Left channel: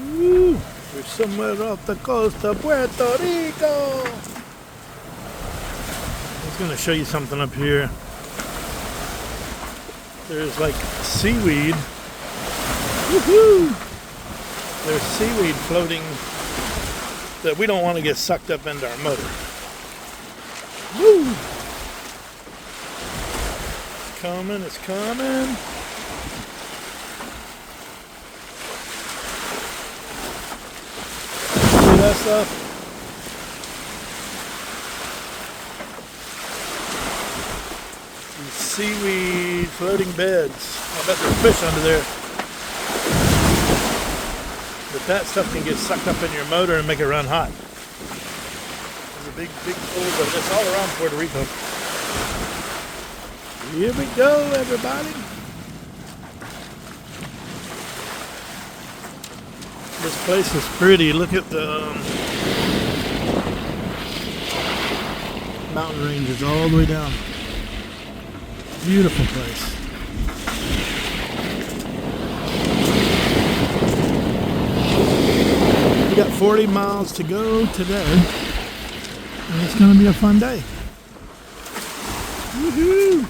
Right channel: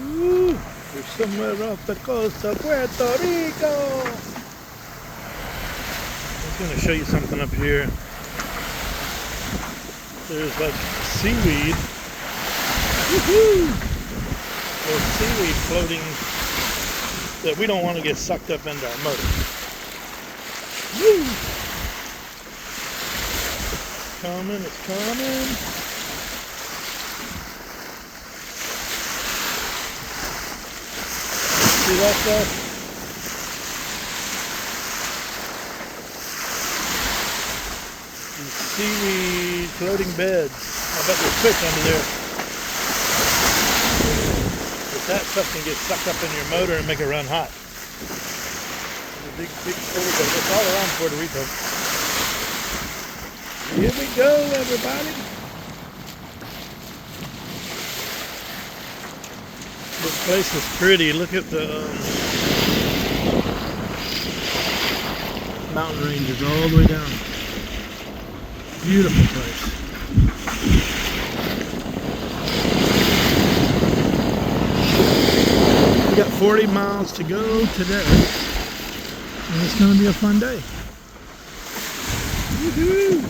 Ooh, we're somewhere off the coast of Puerto Rico. I was going to show you something up here. There's like seaweed. Woohoo! There's seaweed floating that we don't want to get sucked up into our motor. Woo! It's coming, it's coming. See that stuff? These seaweed floating beds. I bet there's fish under there. But that stuff can get sucked up in your motor and make it run hot. There's a big pools of this all around Puerto Rico. Here we go, everybody. This place is pretty. Look at the mountain ranges all the way down. Beautiful place. We got 40 miles to go today, and it's going to be a fun day. Woohoo!